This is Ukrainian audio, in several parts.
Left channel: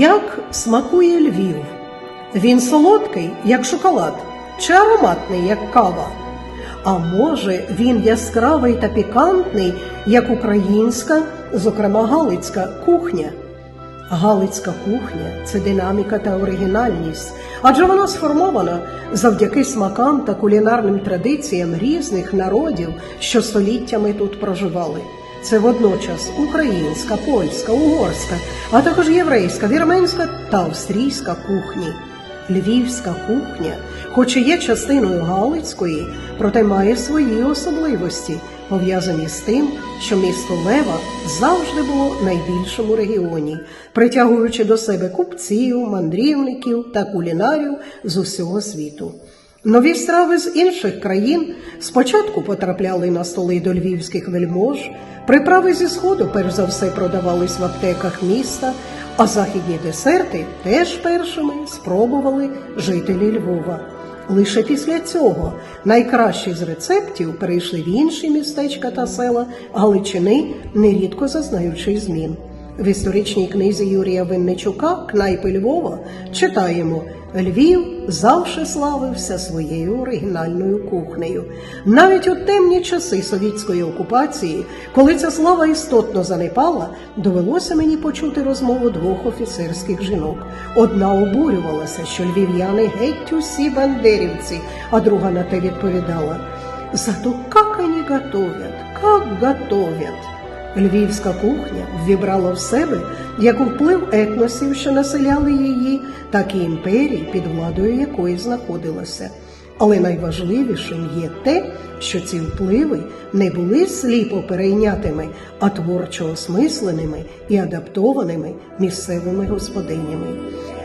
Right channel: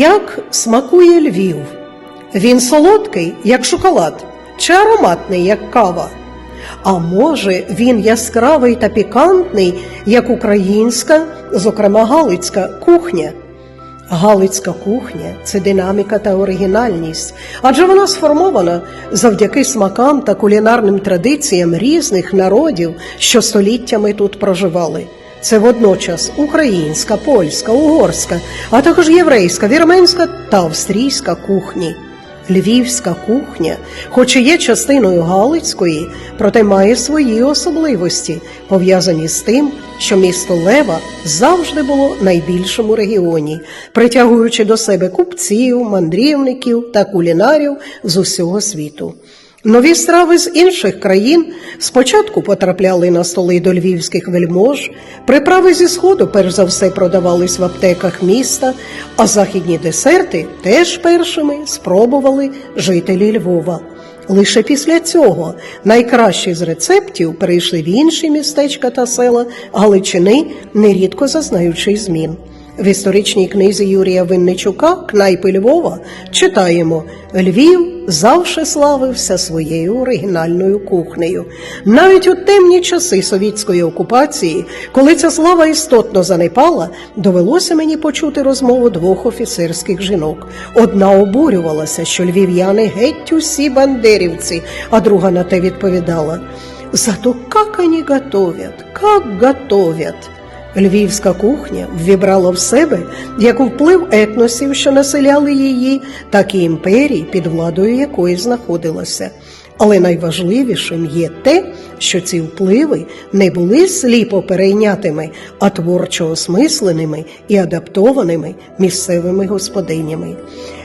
Як смакує Львів? Він солодкий, як шоколад, чи ароматний, як кава? А може, він яскравий та пікантний, як українська, зокрема галицька кухня? Галицька кухня це динаміка та оригінальність, адже вона сформована завдяки смакам та кулінарним традиціям різних народів, що століттями тут проживали. Це водночас українська, польська, угорська, а також єврейська, вірменська та австрійська кухні. Львівська кухня, хоч і є частиною Галицької, проте має свої особливості, пов'язані з тим, що місто Лева завжди було найбільшим у регіоні, притягуючи до себе купців, мандрівників та кулінарів з усього світу. Нові страви з інших країн спочатку потрапляли на столи до львівських вельмож, приправи зі сходу перш за все продавались в аптеках міста, а західні десерти теж першими спробували жителі Львова. Лише після цього найкращі з рецептів перейшли в інші містечка та села Галичини, нерідко зазнаючи змін. В історичній книзі Юрія Винничука Кнайпи Львова читаємо Львів завше славився своєю оригінальною кухнею. Навіть у темні часи совітської окупації, коли ця слава істотно занепала, довелося мені почути розмову двох офіцерських жінок. Одна обурювалася, що львів'яни геть усі бандерівці, а друга на те відповідала: Зато как они готовят, как готовят. Львівська кухня ввібрала в себе як вплив етносів, що населяли її, так і імперії, під владою якої знаходилася. Але найважливішим є те, що ці впливи не були сліпо перейнятими, а творчо осмисленими і адаптованими місцевими господинями.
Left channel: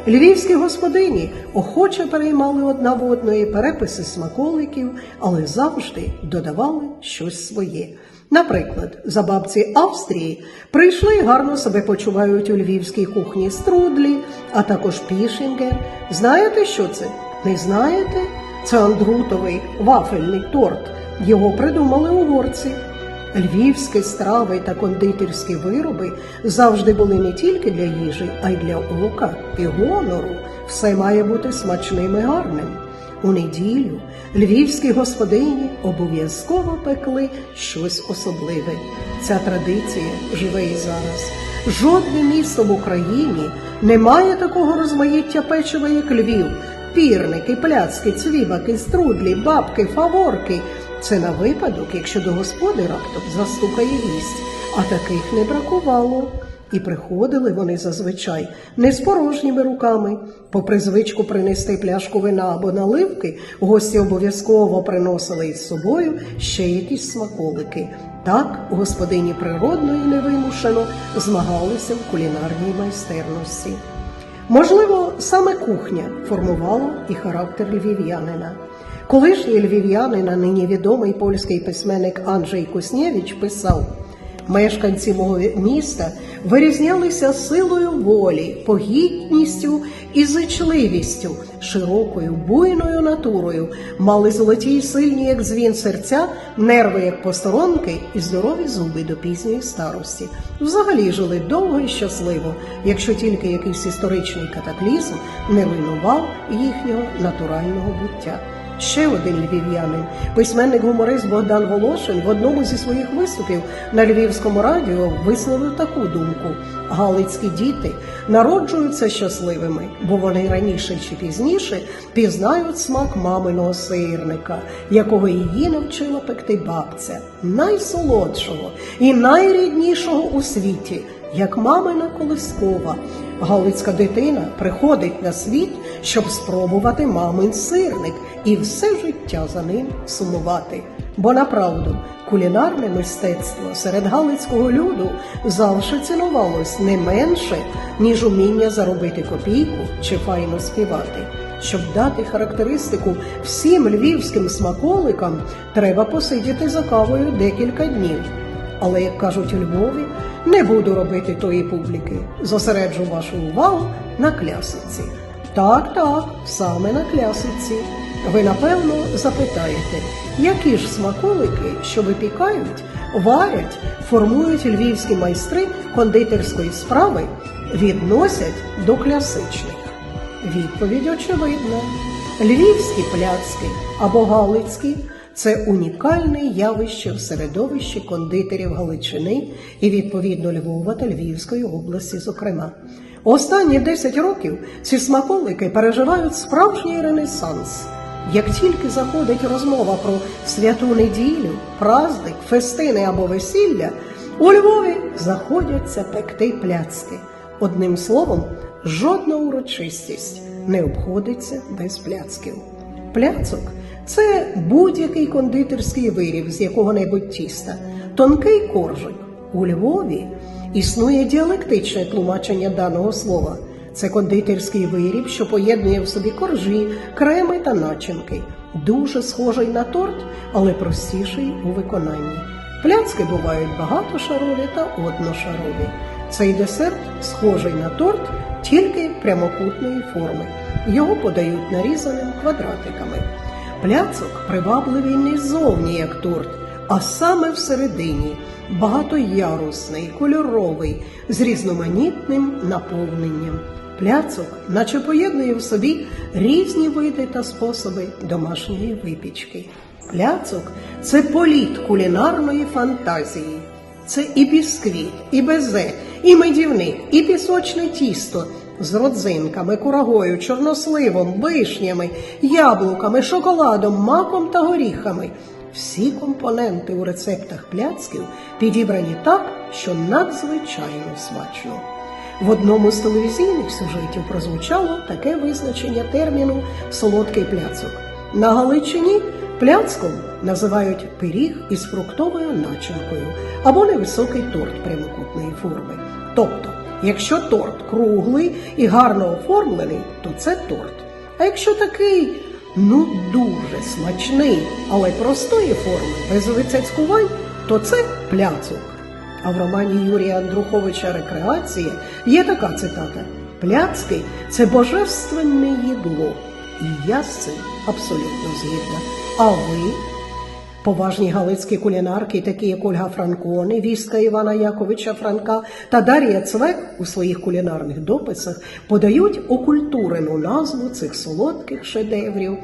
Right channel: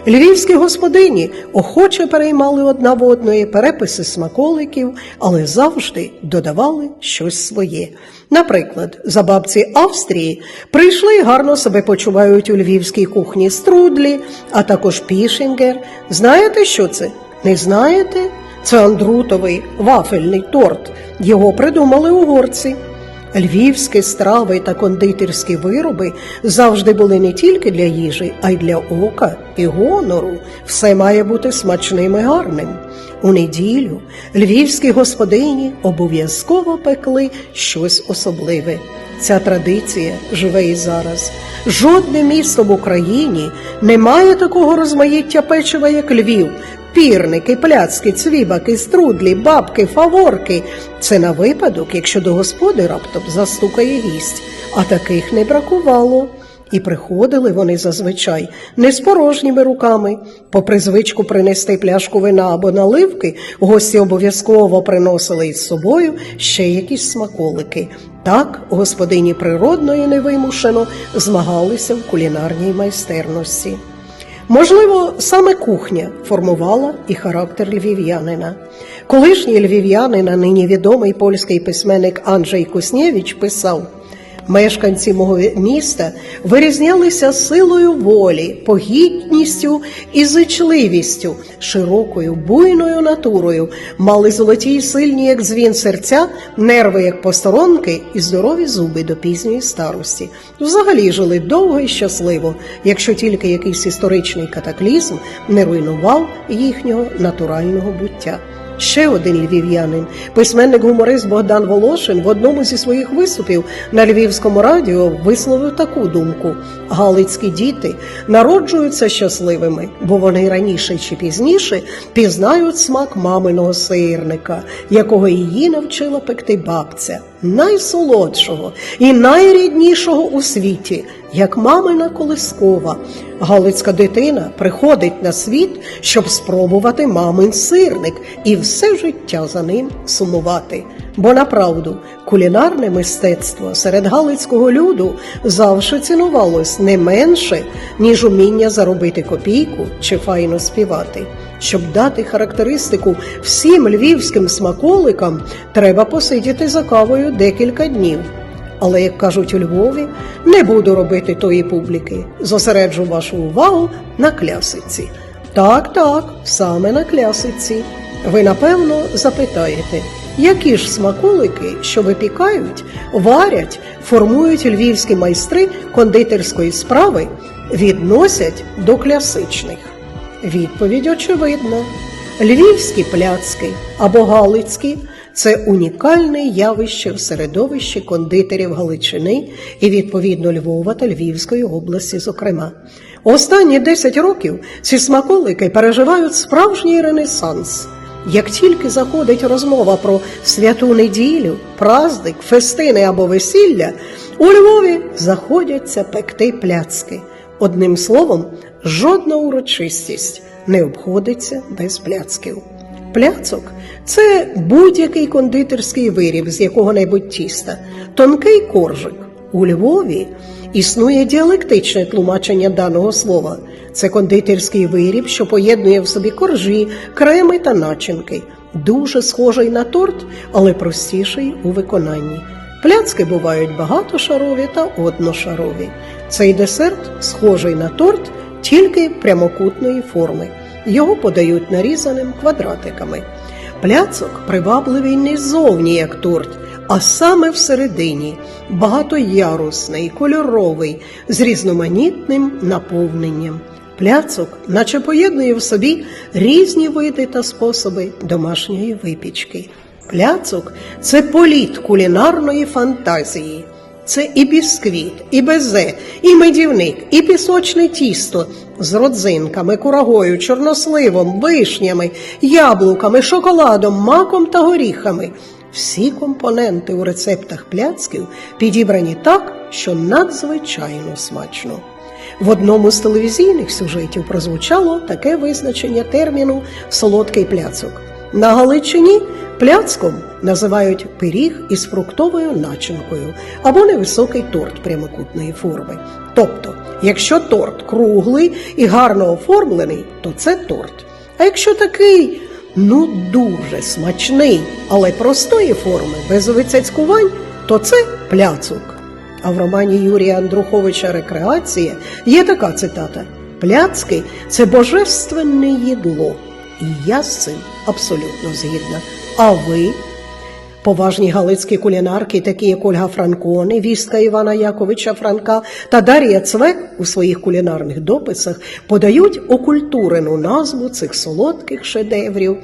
Львівські господині охоче переймали одна в одної переписи смаколиків, але завжди додавали щось своє. Наприклад, за бабці Австрії прийшли і гарно себе почувають у львівській кухні струдлі, а також пішінгер. Знаєте, що це? Не знаєте? Це андрутовий вафельний торт. Його придумали угорці. Львівські страви та кондитерські вироби завжди були не тільки для їжі, а й для ока і гонору. Все має бути смачним і гарним. У неділю львівські господині обов'язково пекли щось особливе. Ця традиція живе і зараз. Жодне місто в Україні не має такого розмаїття печива, як Львів. Пірники, пляцки, цвібаки, струдлі, бабки, фаворки. Це на випадок, якщо до господи раптом застукає гість, а таких не бракувало. І приходили вони зазвичай не з порожніми руками. Попри звичку принести пляшку вина або наливки, гості обов'язково приносили із собою ще якісь смаколики. Так господині природно і невимушено змагалися в кулінарній майстерності. Можливо, саме кухня формувала і характер львів'янина. Колишній львів'янин, а нині відомий польський письменник Анджей Куснєвич писав: мешканці мого міста вирізнялися силою волі, погідністю і зичливістю, широкою буйною натурою, мали золоті й сильні, як дзвін серця, нерви, як посторонки, і здорові зуби до пізньої старості. Взагалі жили довго і щасливо, якщо тільки якийсь історичний катаклізм не руйнував їхнього натурального буття. Ще один львів'янин, письменник-гуморист Богдан Волошин в одному зі своїх виступів на львівському радіо висловив таку думку: Галицькі діти народжуються щасливими, бо вони раніше чи пізніше пізнають смак маминого сирника, якого її навчила пекти бабця, найсолодшого і найріднішого у світі, як мамина колискова. Галицька дитина приходить на світ, щоб спробувати мамин сирник і все життя за ним сумувати. Бо направду кулінарне мистецтво серед галицького люду завжди цінувалось не менше, ніж уміння заробити копійку чи файно співати. Щоб дати характеристику всім львівським смаколикам, треба посидіти за кавою декілька днів. Але, як кажуть у Львові, не буду робити тої публіки. Зосереджу вашу увагу на клясиці. Так, так, саме на клясиці. Ви напевно запитаєте, які ж смаколики, що випікають, варять, формують львівські майстри кондитерської справи, відносять до класичних? Відповідь очевидна. Львівські пляцки або галицькі це унікальне явище в середовищі кондитерів Галичини і відповідно Львова та Львівської області, зокрема. Останні 10 років ці смаколики переживають справжній ренесанс. Як тільки заходить розмова про святу неділю, праздник, фестини або весілля, у Львові заходяться пекти пляцки. Одним словом, жодна урочистість не обходиться без пляцків. Пляцок це будь-який кондитерський виріб з якого-небудь тіста, тонкий коржик. У Львові існує діалектичне тлумачення даного слова. Це кондитерський виріб, що поєднує в собі коржі, креми та начинки. Дуже схожий на торт, але простіший у виконанні. Пляцки бувають багатошарові та одношарові. Цей десерт схожий на торт, тільки прямокутної форми. Його подають нарізаним квадратиками. Пляцок привабливий не ззовні, як торт, а саме всередині, багатоярусний, кольоровий, з різноманітним наповненням. Пляцок, наче поєднує в собі різні види та способи домашньої випічки. Пляцок це політ кулінарної фантазії. Це і бісквіт, і безе, і медівник, і пісочне тісто з родзинками, курагою, чорносливом, вишнями, яблуками, шоколадом, маком та горіхами. Всі компоненти у рецептах пляцків підібрані так, що надзвичайно смачно. В одному з телевізійних сюжетів прозвучало таке визначення терміну солодкий пляцок. На Галичині пляцком називають пиріг із фруктовою начинкою або невисокий торт прямокутної форми. Тобто, якщо торт круглий і гарно оформлений, то це торт. А якщо такий, ну дуже смачний, але простої форми, без вицяцькувань, то це пляцок. А в романі Юрія Андруховича Рекреація є така цитата: Пляцки це божественне їдло. І я з цим абсолютно згідна. А ви? Поважні галицькі кулінарки, такі як Ольга Франкони, вістка Івана Яковича Франка та Дар'я Цвек у своїх кулінарних дописах подають окультурену назву цих солодких шедеврів.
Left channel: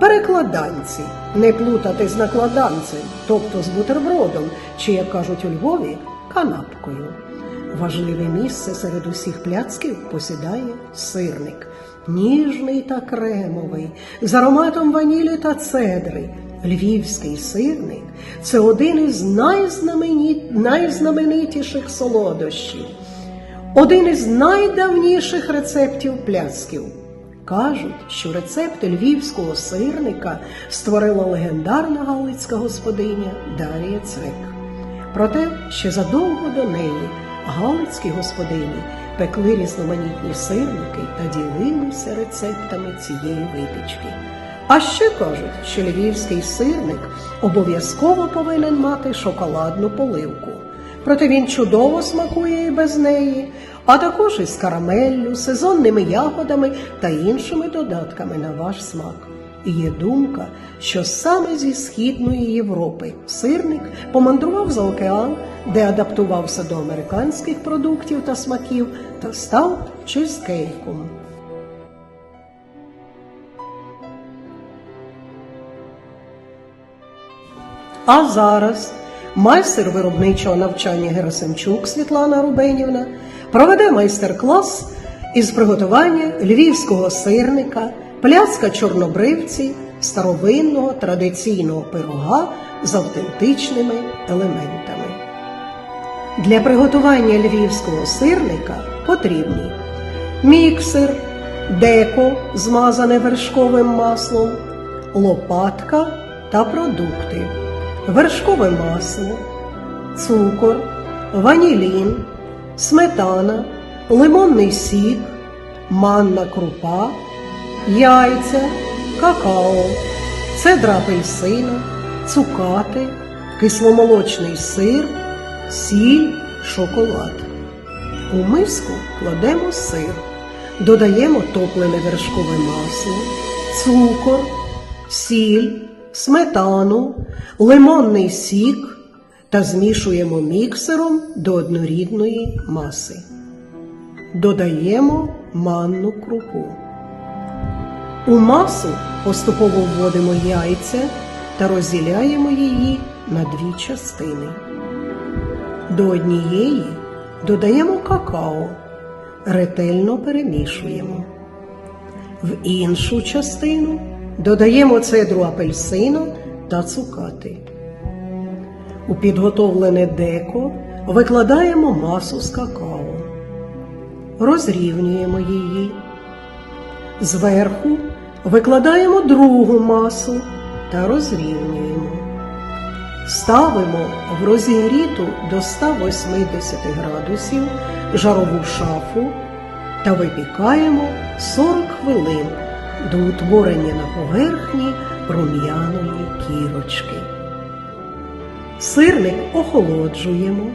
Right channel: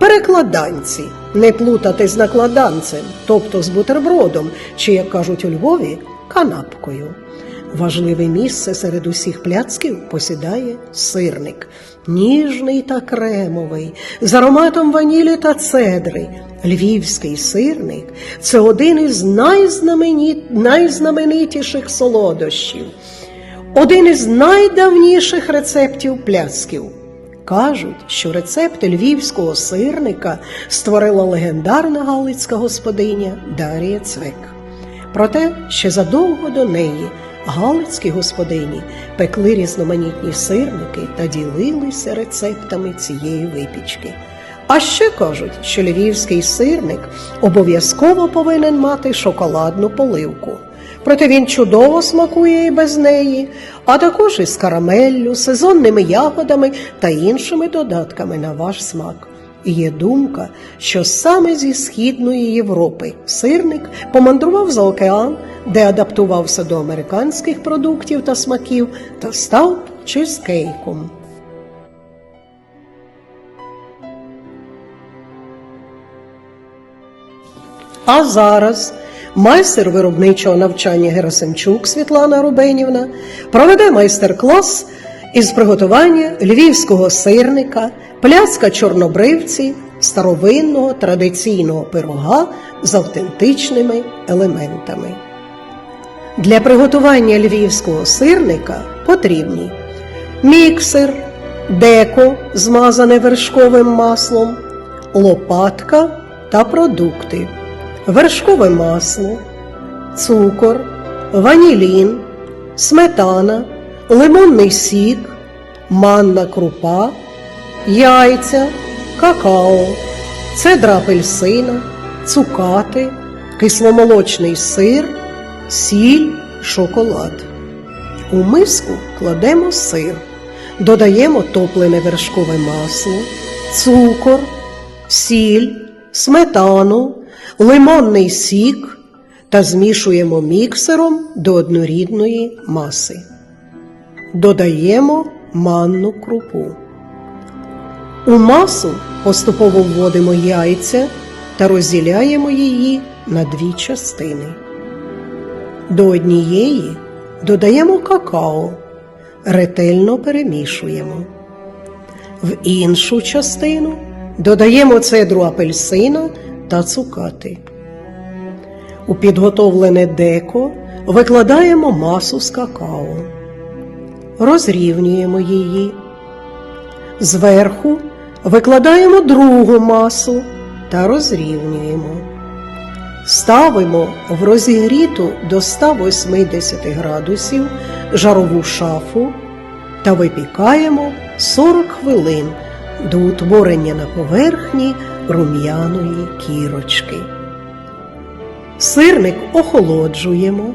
Перекладанці не плутати з накладанцем, тобто з бутербродом, чи, як кажуть у Львові, канапкою. Важливе місце серед усіх пляцків посідає сирник, ніжний та кремовий, з ароматом ванілі та цедри. Львівський сирник це один із найзнаменитіших солодощів, один із найдавніших рецептів пляцків. Кажуть, що рецепт львівського сирника створила легендарна галицька господиня Дарія Цвек. Проте ще задовго до неї галицькі господині пекли різноманітні сирники та ділилися рецептами цієї випічки. А ще кажуть, що львівський сирник обов'язково повинен мати шоколадну поливку. Проте він чудово смакує і без неї, а також із карамеллю, сезонними ягодами та іншими додатками на ваш смак. І Є думка, що саме зі Східної Європи сирник помандрував за океан, де адаптувався до американських продуктів та смаків та став чизкейком. А зараз майстер виробничого навчання Герасимчук Світлана Рубенівна проведе майстер-клас із приготування львівського сирника, пляцка чорнобривці, старовинного традиційного пирога з автентичними елементами. Для приготування львівського сирника потрібні міксер, деко, змазане вершковим маслом, лопатка та продукти, вершкове масло, цукор, ванілін, сметана, лимонний сік, манна крупа, яйця, какао, цедра апельсина, цукати, кисломолочний сир, сіль, шоколад. У миску кладемо сир, додаємо топлене вершкове масло, цукор, сіль, сметану, лимонний сік та змішуємо міксером до однорідної маси. додаємо манну крупу. У масу поступово вводимо яйця та розділяємо її на дві частини. До однієї додаємо какао, ретельно перемішуємо. В іншу частину додаємо цедру апельсина та цукати. У підготовлене деко викладаємо масу з какао, розрівнюємо її. Зверху викладаємо другу масу та розрівнюємо. Ставимо в розігріту до 180 градусів жарову шафу та випікаємо 40 хвилин до утворення на поверхні рум'яної кірочки. Сирник охолоджуємо,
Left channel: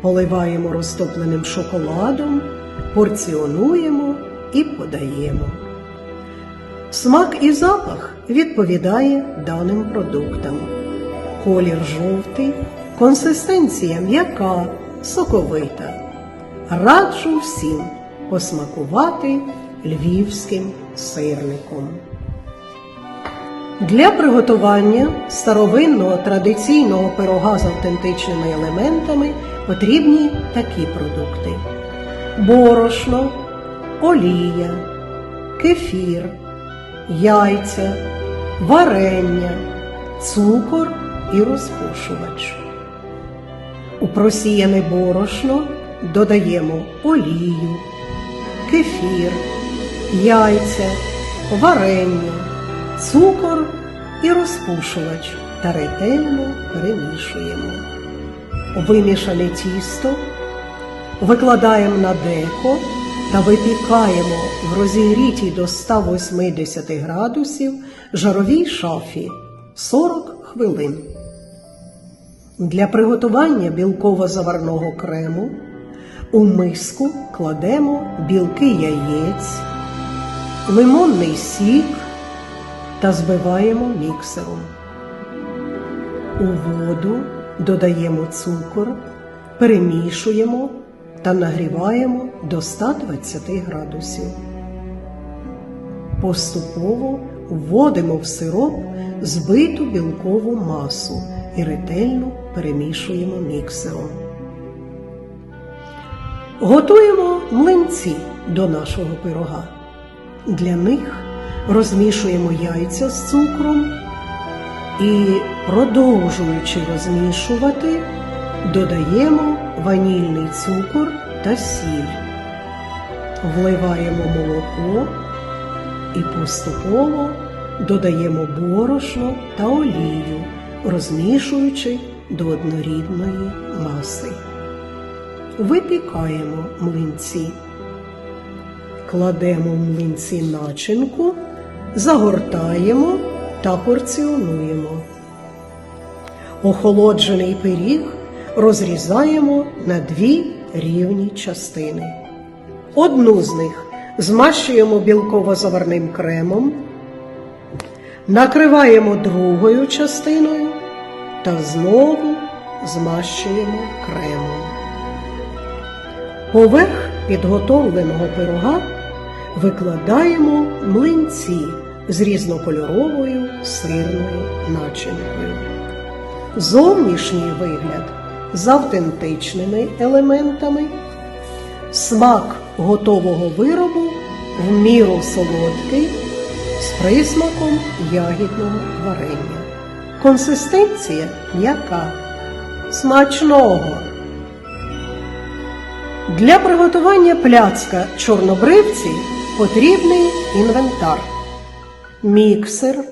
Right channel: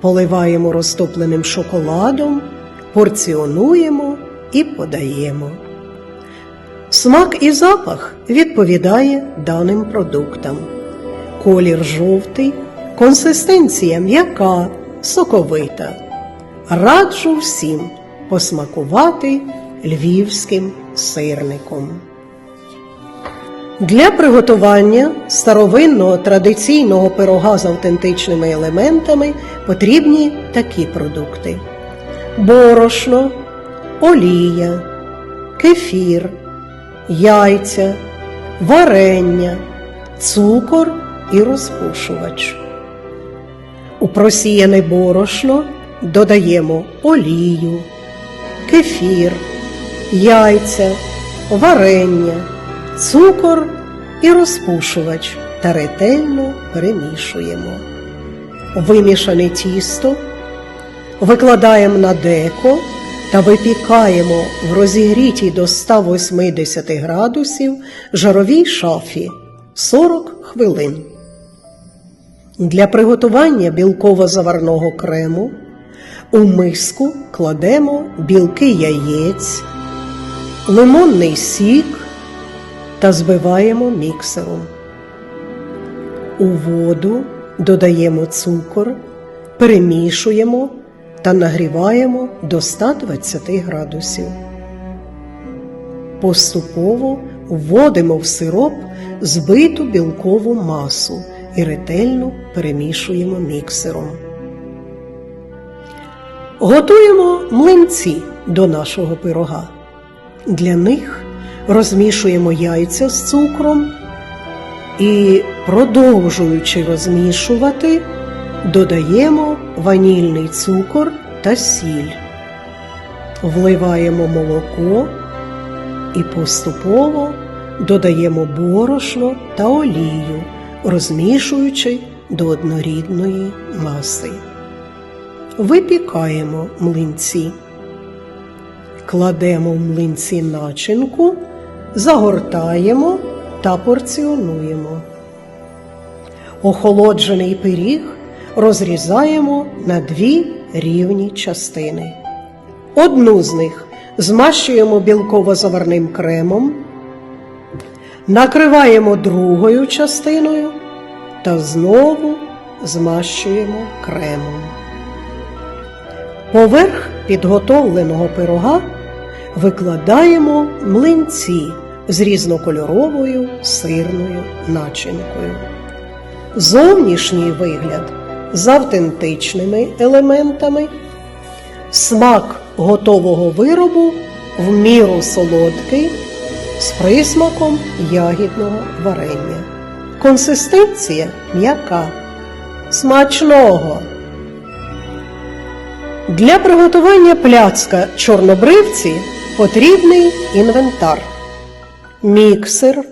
поливаємо розтопленим шоколадом, порціонуємо і подаємо. Смак і запах відповідає даним продуктам. Колір жовтий, консистенція м'яка, соковита. Раджу всім посмакувати львівським сирником. Для приготування старовинного традиційного пирога з автентичними елементами потрібні такі продукти: борошно, олія, кефір, яйця, варення, цукор і розпушувач. У просіяне борошно додаємо олію, кефір, яйця, варення, цукор і розпушувач та ретельно перемішуємо. Вимішане тісто викладаємо на деко та випікаємо в розігрітій до 180 градусів жаровій шафі 40 хвилин. Для приготування білково-заварного крему у миску кладемо білки яєць, лимонний сік та збиваємо міксером. У воду додаємо цукор, перемішуємо та нагріваємо до 120 градусів. Поступово вводимо в сироп збиту білкову масу і ретельно перемішуємо міксером. Готуємо млинці до нашого пирога. Для них розмішуємо яйця з цукром і, продовжуючи розмішувати, додаємо ванільний цукор та сіль, вливаємо молоко і поступово додаємо борошно та олію, розмішуючи до однорідної маси. Випікаємо млинці. Кладемо в млинці начинку, загортаємо та порціонуємо. Охолоджений пиріг розрізаємо на дві рівні частини. Одну з них змащуємо білково-заварним кремом, накриваємо другою частиною та знову змащуємо кремом. Поверх підготовленого пирога викладаємо млинці з різнокольоровою сирною начинкою. Зовнішній вигляд з автентичними елементами, смак готового виробу в міру солодкий з присмаком ягідного варення. Консистенція м'яка. Смачного! Для приготування пляцка чорнобривці потрібний інвентар: міксер,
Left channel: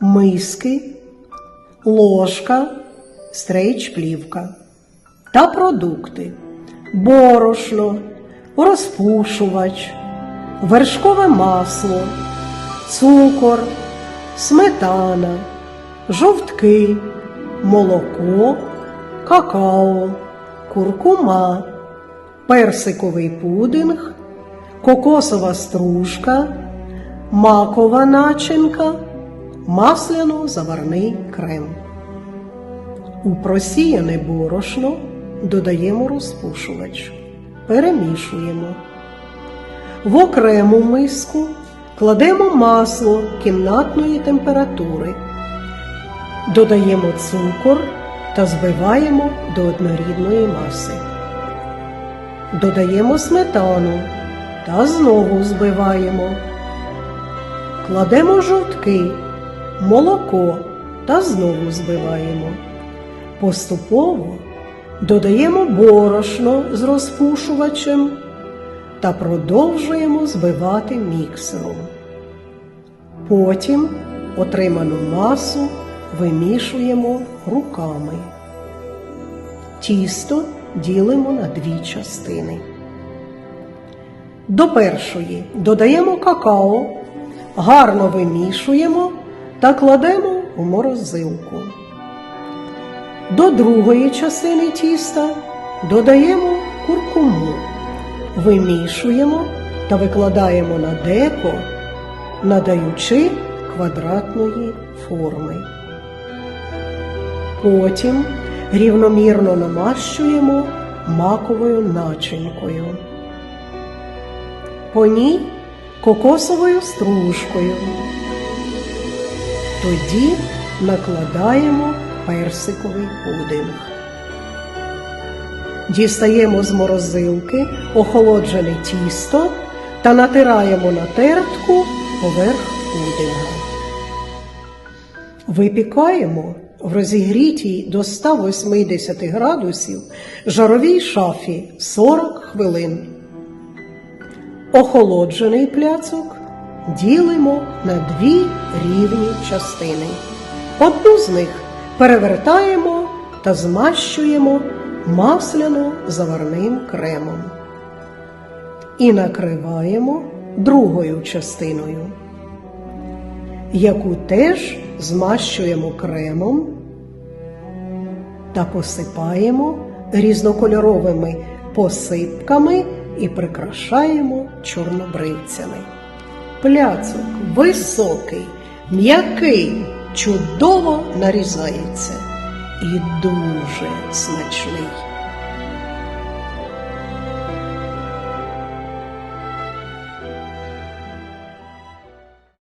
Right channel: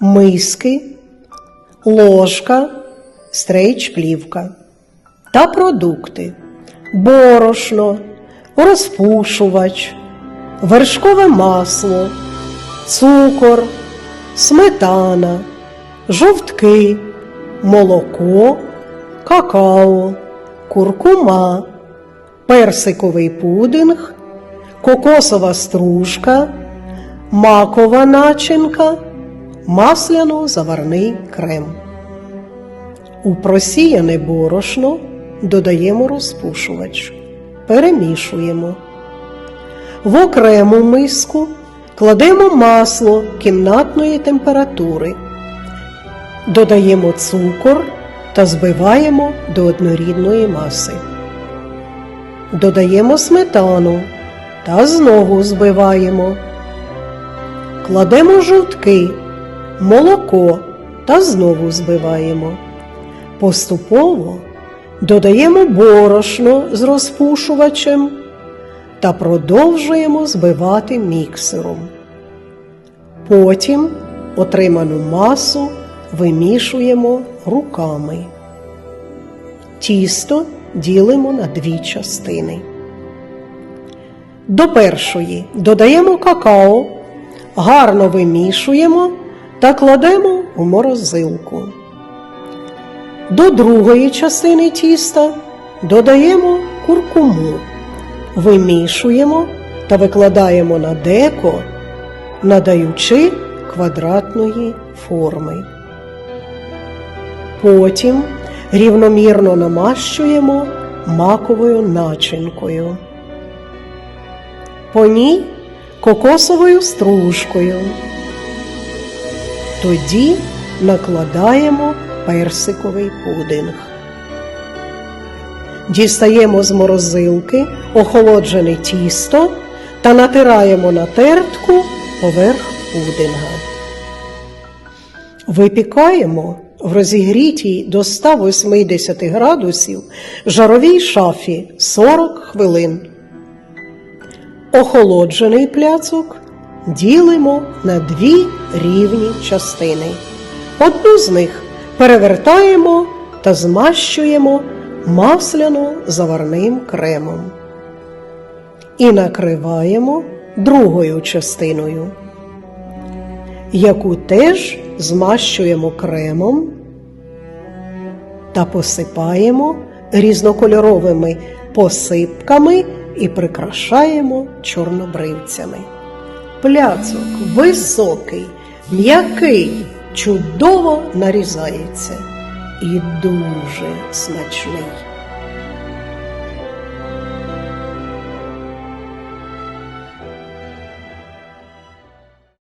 миски, ложка, стрейч-плівка та продукти, борошно, розпушувач, вершкове масло, цукор, сметана, жовтки, молоко, какао, куркума персиковий пудинг, кокосова стружка, макова начинка, масляно-заварний крем. У просіяне борошно додаємо розпушувач. перемішуємо. В окрему миску кладемо масло кімнатної температури, додаємо цукор та збиваємо до однорідної маси. Додаємо сметану та знову збиваємо. Кладемо жовтки, молоко та знову збиваємо. Поступово додаємо борошно з розпушувачем та продовжуємо збивати міксером. Потім отриману масу вимішуємо руками. Тісто ділимо на дві частини. До першої додаємо какао, гарно вимішуємо та кладемо у морозилку. До другої частини тіста додаємо куркуму, вимішуємо та викладаємо на деко, надаючи квадратної форми. Потім рівномірно намащуємо маковою начинкою. По ній кокосовою стружкою. Тоді накладаємо персиковий пудинг. Дістаємо з морозилки охолоджене тісто та натираємо на тертку поверх пудинга. Випікаємо в розігрітій до 180 градусів жаровій шафі 40 хвилин. Охолоджений пляцок ділимо на дві рівні частини. Одну з них перевертаємо та змащуємо масляно-заварним кремом. І накриваємо другою частиною, яку теж змащуємо кремом та посипаємо різнокольоровими посипками і прикрашаємо чорнобривцями. Пляцок високий, м'який, чудово нарізається і дуже смачний.